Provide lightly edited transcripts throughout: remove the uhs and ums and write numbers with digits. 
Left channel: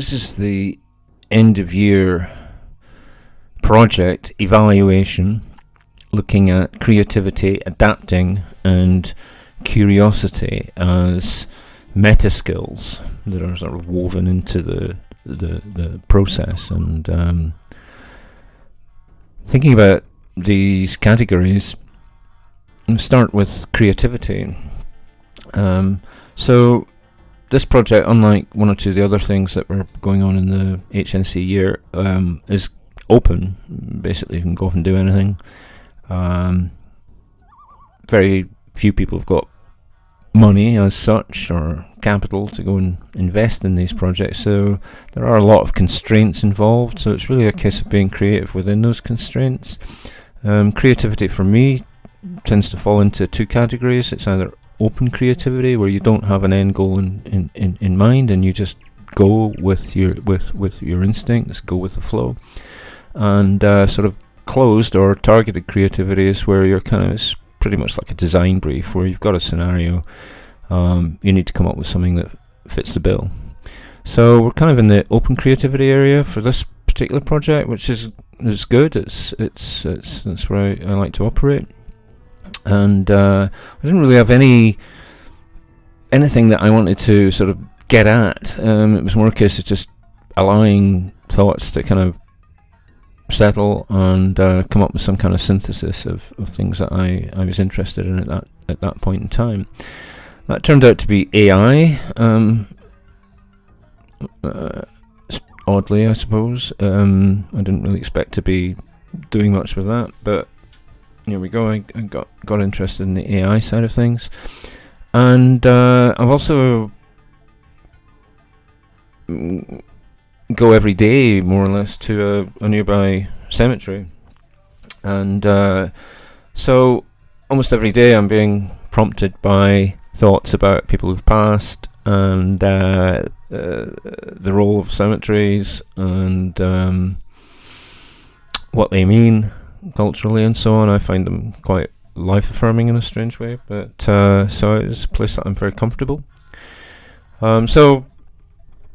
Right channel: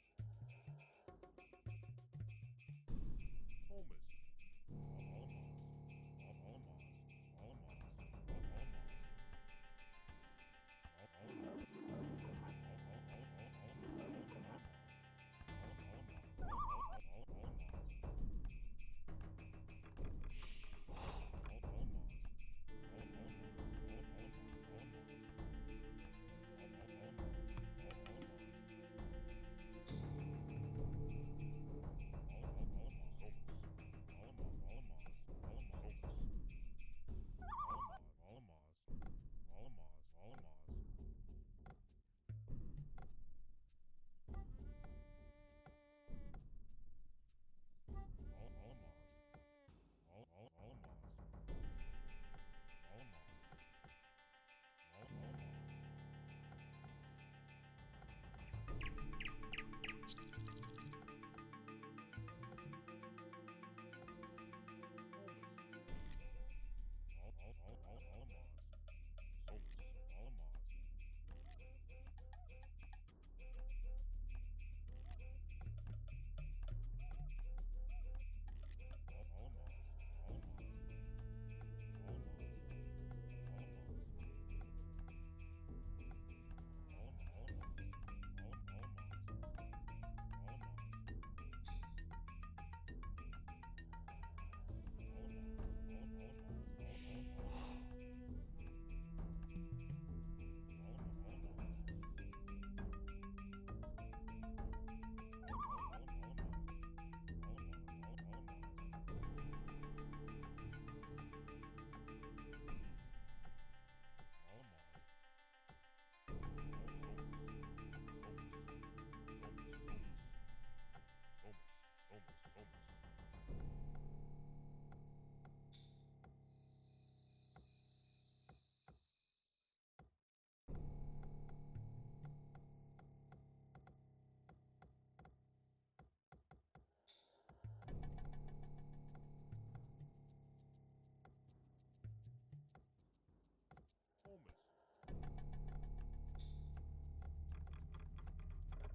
This is the end of year project evaluation looking at creativity, adapting and curiosity as metaskills that are sort of woven into the process. And thinking about these categories, I'll start with creativity. So this project, unlike one or two of the other things that were going on in the HNC year, is open. Basically, you can go off and do anything. Very few people have got money as such or capital to go and invest in these projects, so there are a lot of constraints involved, so it's really a case of being creative within those constraints. Creativity for me tends to fall into two categories. It's either open creativity, where you don't have an end goal in mind and you just go with your instincts, go with the flow, and sort of closed or targeted creativity is where you're kind of, it's pretty much like a design brief where you've got a scenario, you need to come up with something that fits the bill. So we're kind of in the open creativity area for this particular project, which is good. It's that's where I like to operate. And I didn't really have anything that I wanted to sort of get at. It was more a case of just allowing thoughts to kind of settle and come up with some kind of synthesis of things that I was interested in at that point in time. That turned out to be AI, oddly, I suppose. I didn't really expect to be doing much with that, but here we go. I got interested in the AI side of things, and I've also go every day more or less to a nearby cemetery, and so almost every day I'm being prompted by thoughts about people who've passed and the role of cemeteries and what they mean culturally and so on. I find them quite life-affirming in a strange way, but so it's a place that I'm very comfortable. So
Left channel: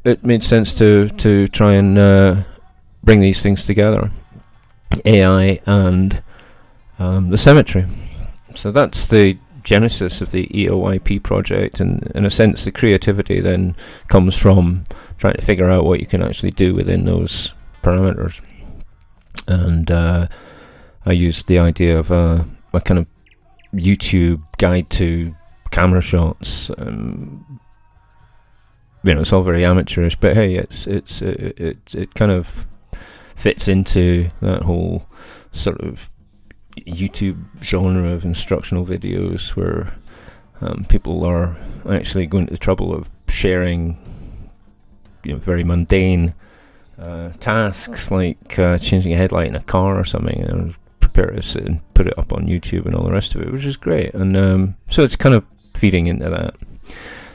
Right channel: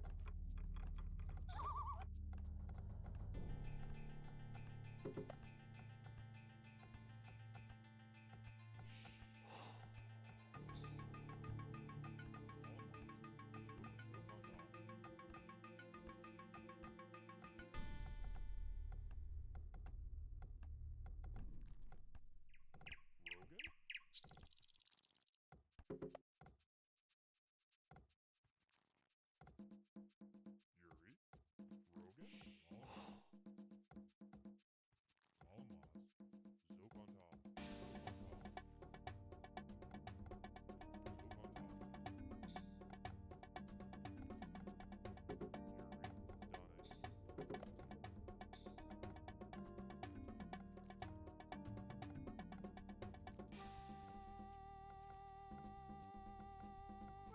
it made sense to try and bring these things together, AI and the cemetery. So that's the genesis of the eoyp project, and in a sense the creativity then comes from trying to figure out what you can actually do within those parameters. And I used the idea of a kind of YouTube guide to camera shots. It's all very amateurish, but hey, it kind of fits into that whole sort of YouTube genre of instructional videos where people are actually going to the trouble of sharing, very mundane tasks like changing a headlight in a car or something, and prepare to sit and put it up on YouTube and all the rest of it, which is great. And so it's kind of feeding into that.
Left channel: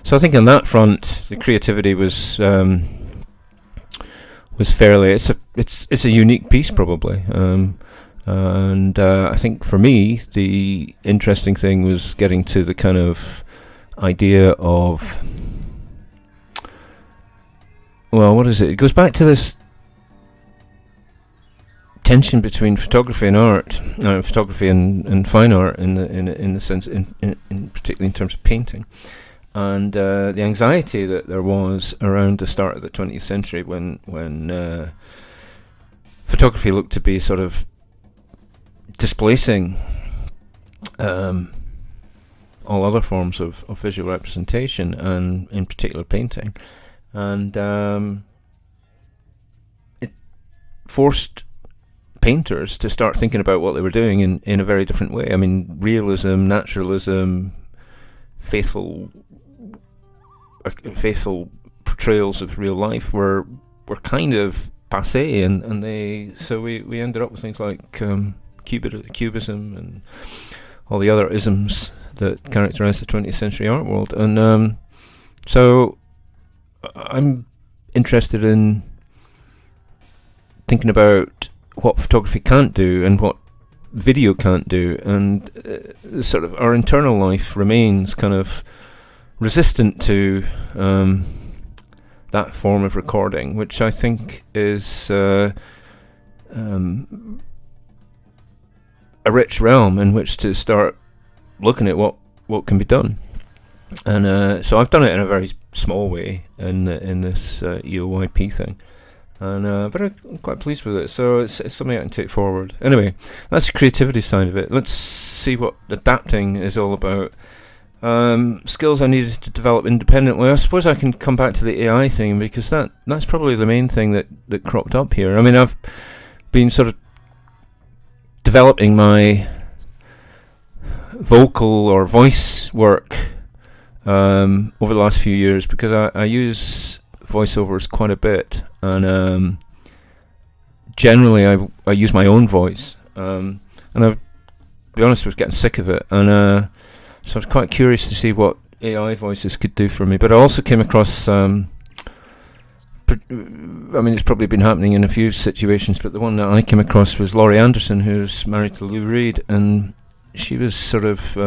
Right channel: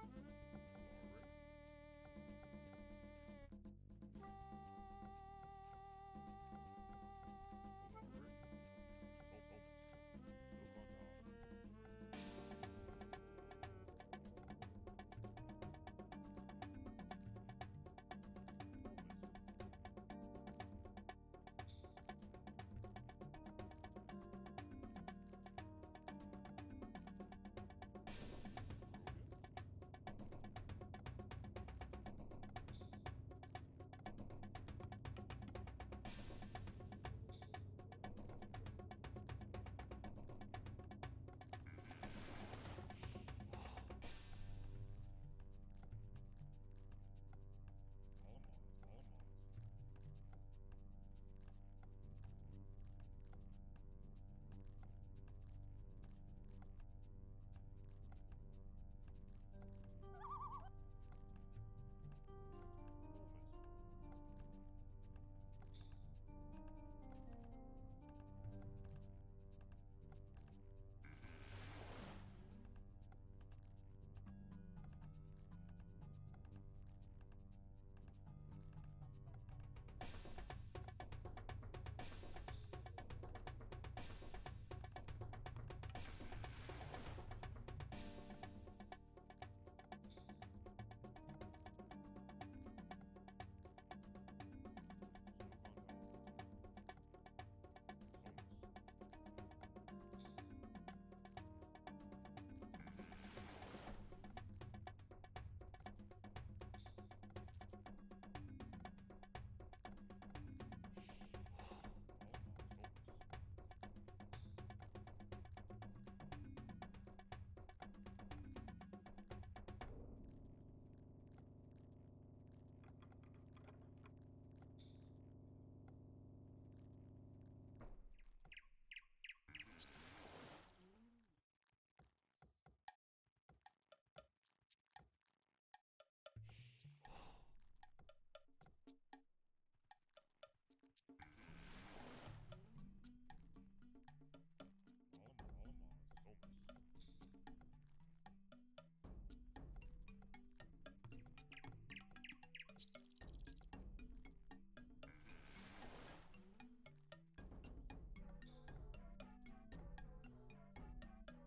So I think on that front, the creativity was fairly. It's a unique piece probably, and I think for me the interesting thing was getting to the kind of idea of, well, what is it? It goes back to this tension between photography and art, photography and fine art in the sense, in particularly in terms of painting. And the anxiety that there was around the start of the 20th century when photography looked to be sort of displacing all other forms of visual representation, and in particular painting. And it forced painters to start thinking about what they were doing in a very different way. I mean, realism, naturalism, faithful portrayals of real life were kind of passé, and so we ended up with things like cubism and all the other isms that characterize the 20th century art world. And so I'm interested in thinking about what photography can't do and what video can't do, and sort of our internal life remains kind of resistant to that form of recording, which I think is a rich realm in which to start looking at what can be done. And so I've done it in a very small way in this eoyp thing, and but I'm quite pleased with it. So it's something I can take forward. Anyway, that's the creativity side of it. Let's see what adapting is all about. Skills I needed to develop independently. I suppose I can come back to the AI thing, because that's probably the main thing that cropped up here. I mean, I've been sort of developing my vocal or voice work over the last few years, because I use voiceovers quite a bit, and generally I use my own voice, and I'll be honest, I was getting sick of it, and so I was quite curious to see what AI voices could do for me. But I also came across I mean, it's probably been happening in a few situations, but the one that I came across was Laurie Anderson, who's married to Lou Reed, and she was sort of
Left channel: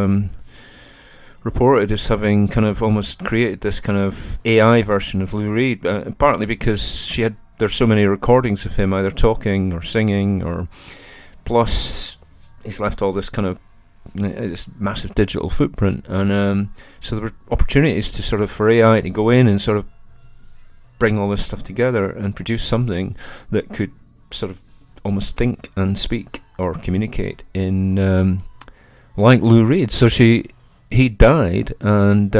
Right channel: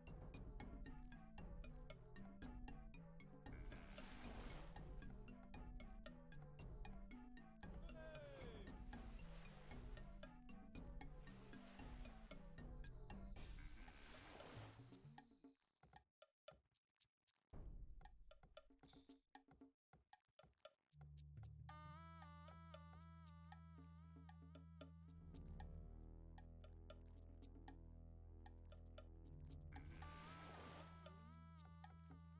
reported as having kind of almost created this kind of AI version of Lou Reed, partly because there's so many recordings of him either talking or singing, or plus he's left all this kind of this massive digital footprint, and so there were opportunities to sort of for AI to go in and sort of bring all this stuff together and produce something that could sort of almost think and speak or communicate in like Lou Reed. So he died, and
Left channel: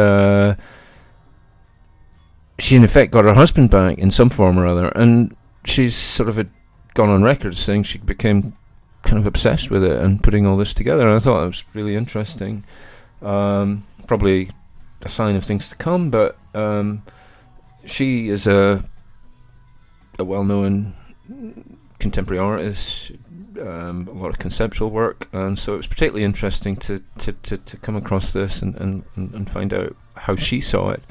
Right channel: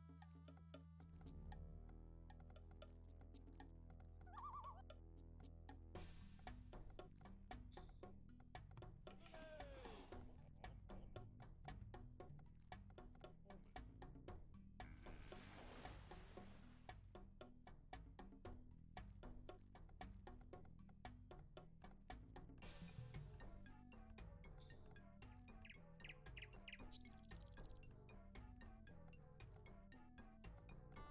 she in effect got her husband back in some form or other, and she's sort of had gone on record saying she became kind of obsessed with it and putting all this together, and I thought it was really interesting. Probably a sign of things to come, but she is a well-known contemporary artist, a lot of conceptual work, and so it was particularly interesting to come across this and find out how she saw it.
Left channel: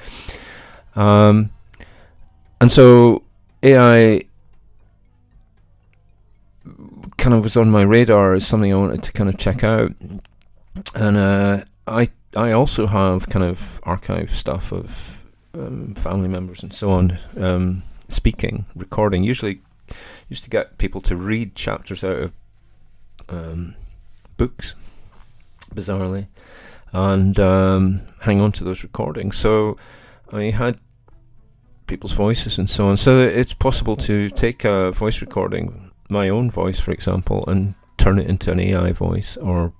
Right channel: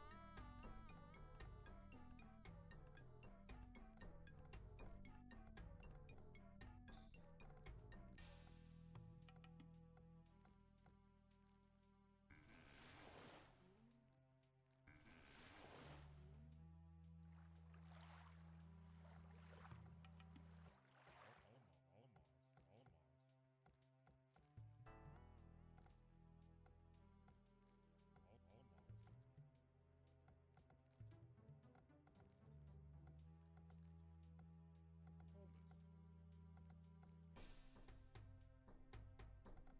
And so AI kind of was on my radar as something I wanted to kind of check out, and I also have kind of archive stuff of family members and so on speaking, recording. Usually used to get people to read chapters out of books, bizarrely, and hang on to those recordings. So I had people's voices and so on. So it's possible to take a voice recording, my own voice, for example, and turn it into an AI voice, or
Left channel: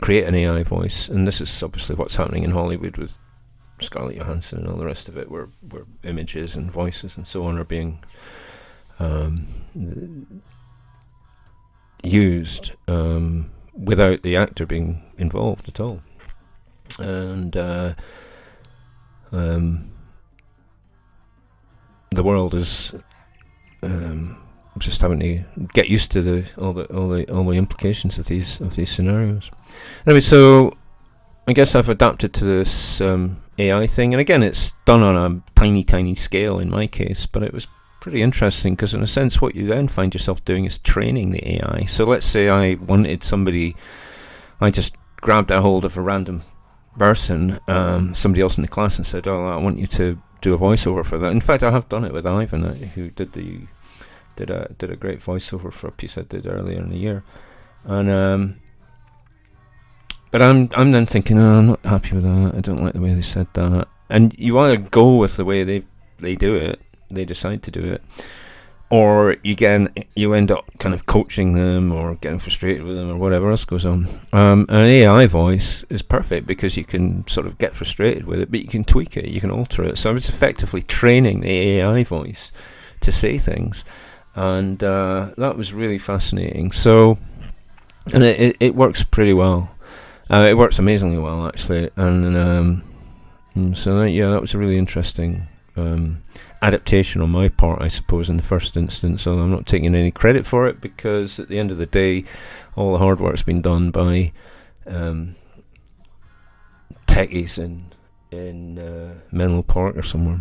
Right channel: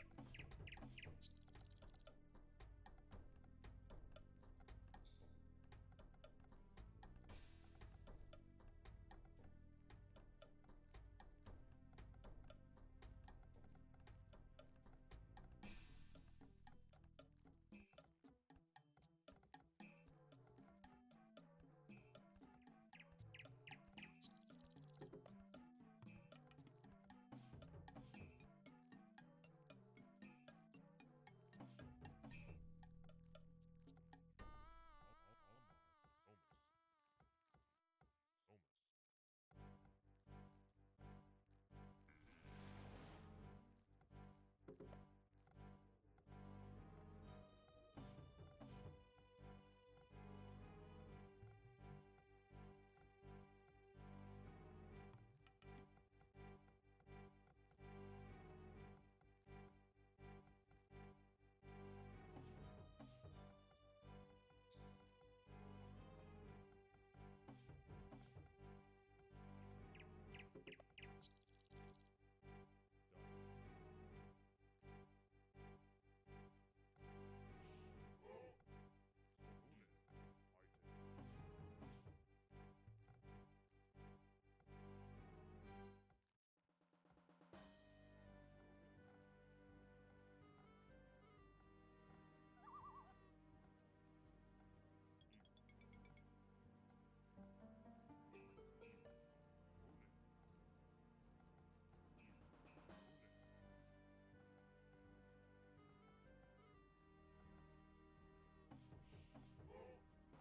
create an AI voice. And this is obviously what's happening in Hollywood with Scarlett Johansson and all the rest of it, where images and voices and so on are being used without the actor being involved at all. And the world is just having to get used to all the implications of these scenarios. Anyway, so I guess I've adapted to this AI thing, and again, it's done on a tiny scale in my case, but it was pretty interesting, because in a sense what you then find yourself doing is training the AI. So let's say I wanted somebody, I just grabbed a hold of a random person, somebody else in the class, and said, oh, I want you to do a voiceover for that. In fact, I have done it with Ivan, who did a great voiceover for a piece I did earlier in the year. And but I'm then thinking, oh, I'm not happy with that, I don't like the way they said that. And you either go with the way they do it, they decide to do it, or you end up kind of coaching them or getting frustrated with them or whatever else goes on. An AI voice is perfect because you can sort of get frustrated with it, but you can tweak it, you can alter it. So I was effectively training the AI voice to say things, and that was really fascinating. So, and it works pretty well. It works amazingly well, actually, and so that was a really interesting adaptation on my part, I suppose, in the first instance. So I'm not taking any credit for it, because at the end of the day, all the hard work's been done by techies in Menlo Park or somewhere.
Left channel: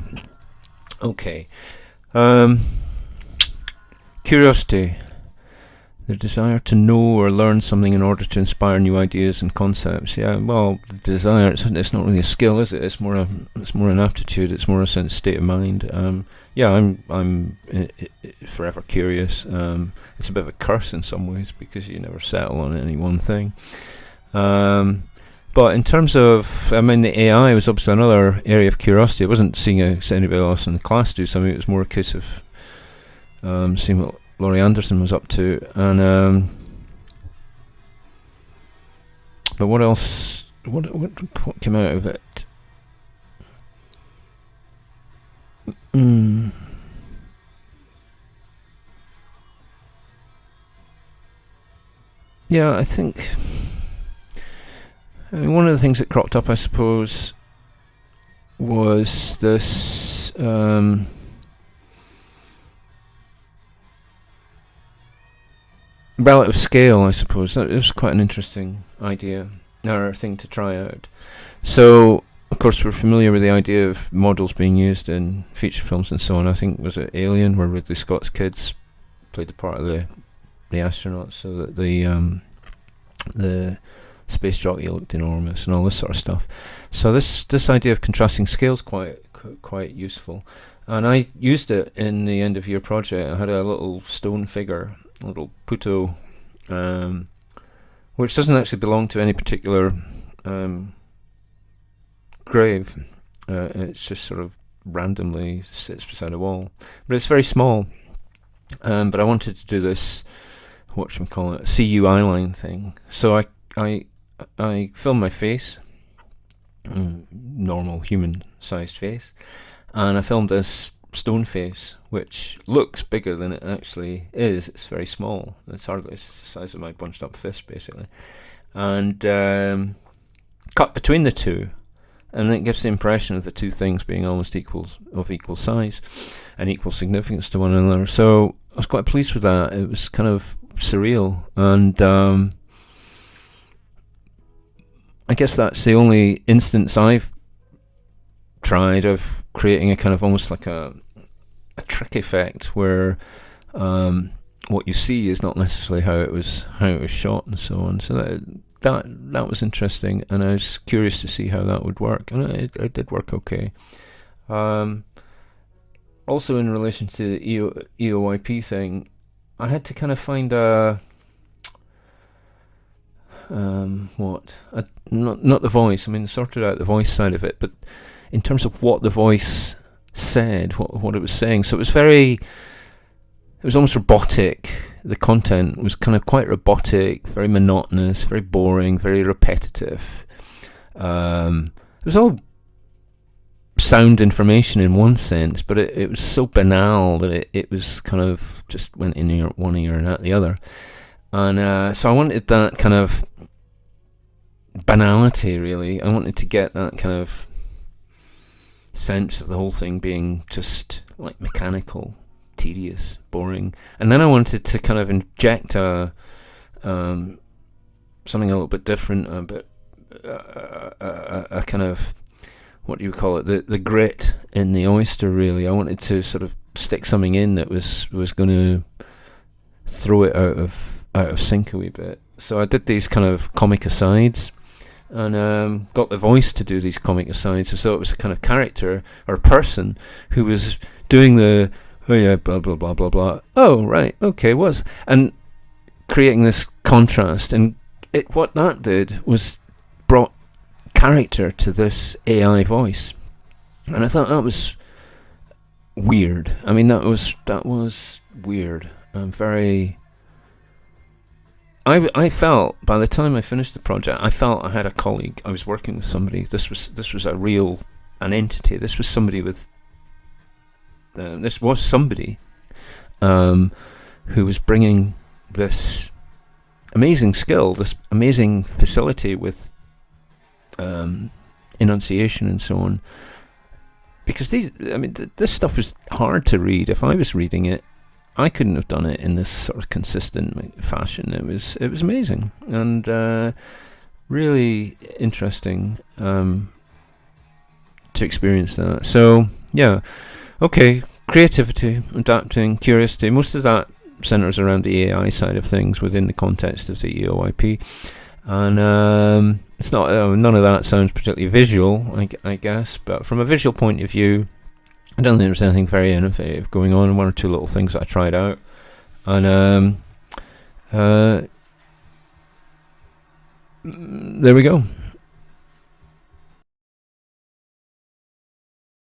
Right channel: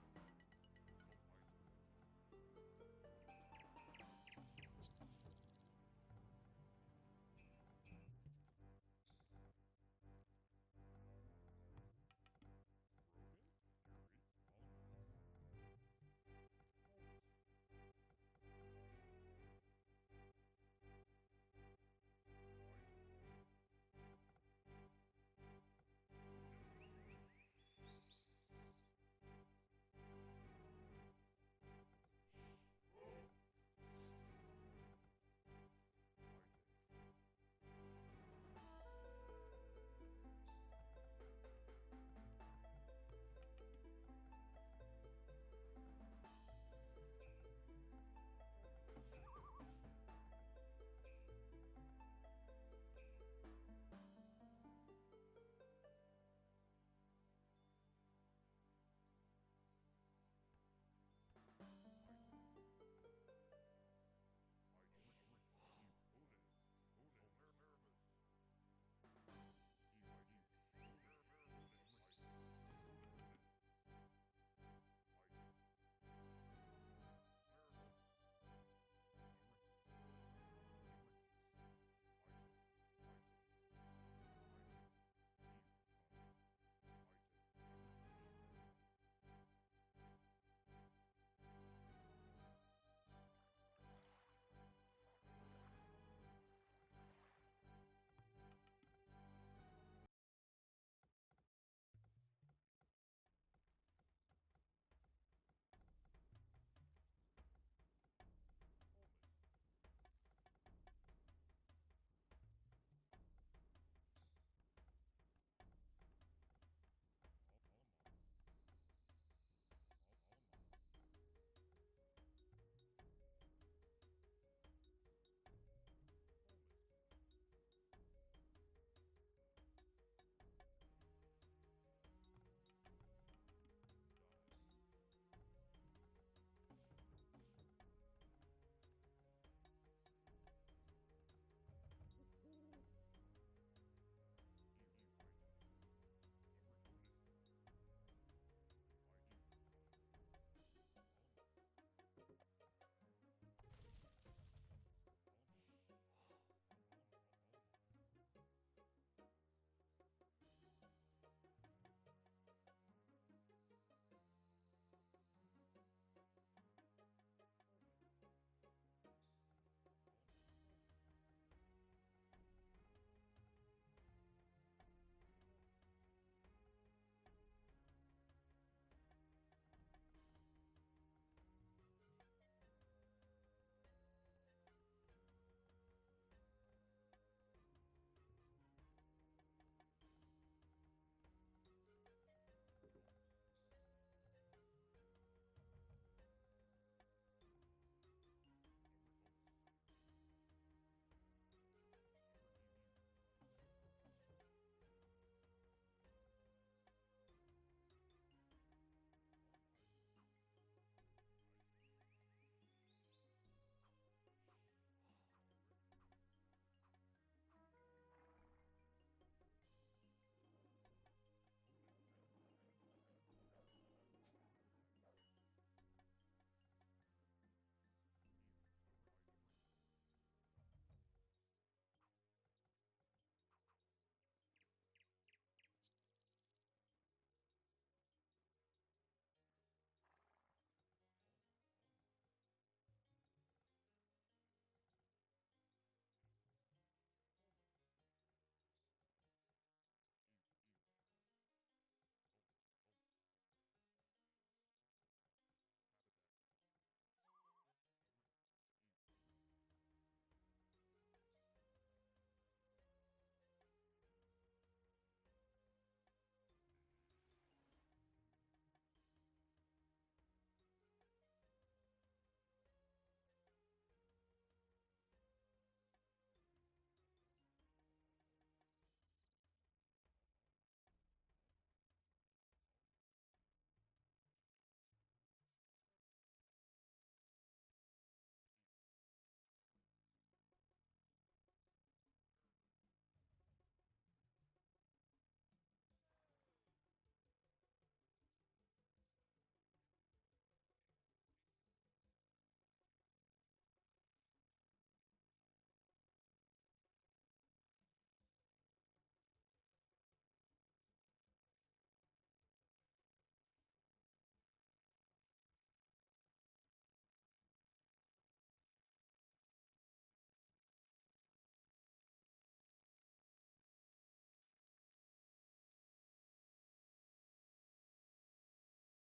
Okay, curiosity. The desire to know or learn something in order to inspire new ideas and concepts. Yeah, well, the desire, it's not really a skill, is it? It's more an aptitude. It's more a sense state of mind. Yeah, I'm forever curious. It's a bit of a curse in some ways because you never settle on any one thing. But in terms of, the AI was obviously another area of curiosity. It wasn't seeing anybody else in the class do something. It was more a case of seeing what Laurie Anderson was up to, and but what else? What came out of it? Yeah, I think. One of the things that cropped up, I suppose, was this. Relative scale, I suppose. That was quite an interesting idea, or thing to try out. So, of course, we're familiar with the idea of models being used in feature films and so on. I think, was it Alien, where Ridley Scott's kids played the part of the astronauts, so that the space jockey looked enormous and all this sort of stuff. So this idea of contrasting scale is quite useful, and I used it in the end of year project. I had a little stone figure, a little Puto, which doesn't actually belong to any particular grave. It's just sort of randomly sits beside a wall, but it's very small. But I wanted to do this, whatchamacallit, CU eyeline thing. So I filmed my face, normal human-sized face, and I filmed this stone face, which looks bigger than it actually is. It's very small. It's the size of my bunched-up fist, basically, and cut between the two, and it gives the impression of the two things being almost equal size and equal significance to one another. So I was quite pleased with that. It was kind of surreal, and I guess that's the only instance I've tried of creating a kind of almost like a trick effect where what you see is not necessarily how it was shot and so on. So that was interesting, and I was curious to see how that would work, and it did work okay. Also, in relation to the eoyp thing, I had to kind of find not the voice. I mean, sorted out the voice side of it, but in terms of what the voice said, what it was saying. So it was almost robotic. The content was kind of quite robotic, very monotonous, very boring, very repetitive. It was all sound information in one sense, but it was so banal that it was kind of just went in one ear and out the other. And so I wanted that kind of banality, really. I wanted to get that kind of sense of the whole thing being just like mechanical, tedious, boring. And then I wanted to kind of inject something a little bit different, a kind of, what do you call it, the grit in the oyster, really. I wanted to sort of stick something in that was going to throw it out of sync a wee bit. So I did these kind of comic asides, and got the voice to do these comic asides, as though it was a kind of character or person who was doing the, oh yeah, blah blah blah blah blah, oh right, okay, and creating this contrast. And what that did was brought character to this AI voice, and I thought that was weird. I mean, that was weird. I felt, by the time I finished the project, I felt I had a colleague. I was working with somebody. This was an entity. This was somebody who was bringing this amazing skill, this amazing facility with enunciation and so on. Because this stuff was hard to read. If I was reading it, I couldn't have done it in this sort of consistent fashion. It was amazing and really interesting to experience that. So yeah, okay, creativity, adapting, curiosity. Most of that centres around the AI side of things within the context of the eoyp. And it's not none of that sounds particularly visual, I guess, but from a visual point of view, I don't think there's anything very innovative going on. One or two little things that I tried out, and there we go.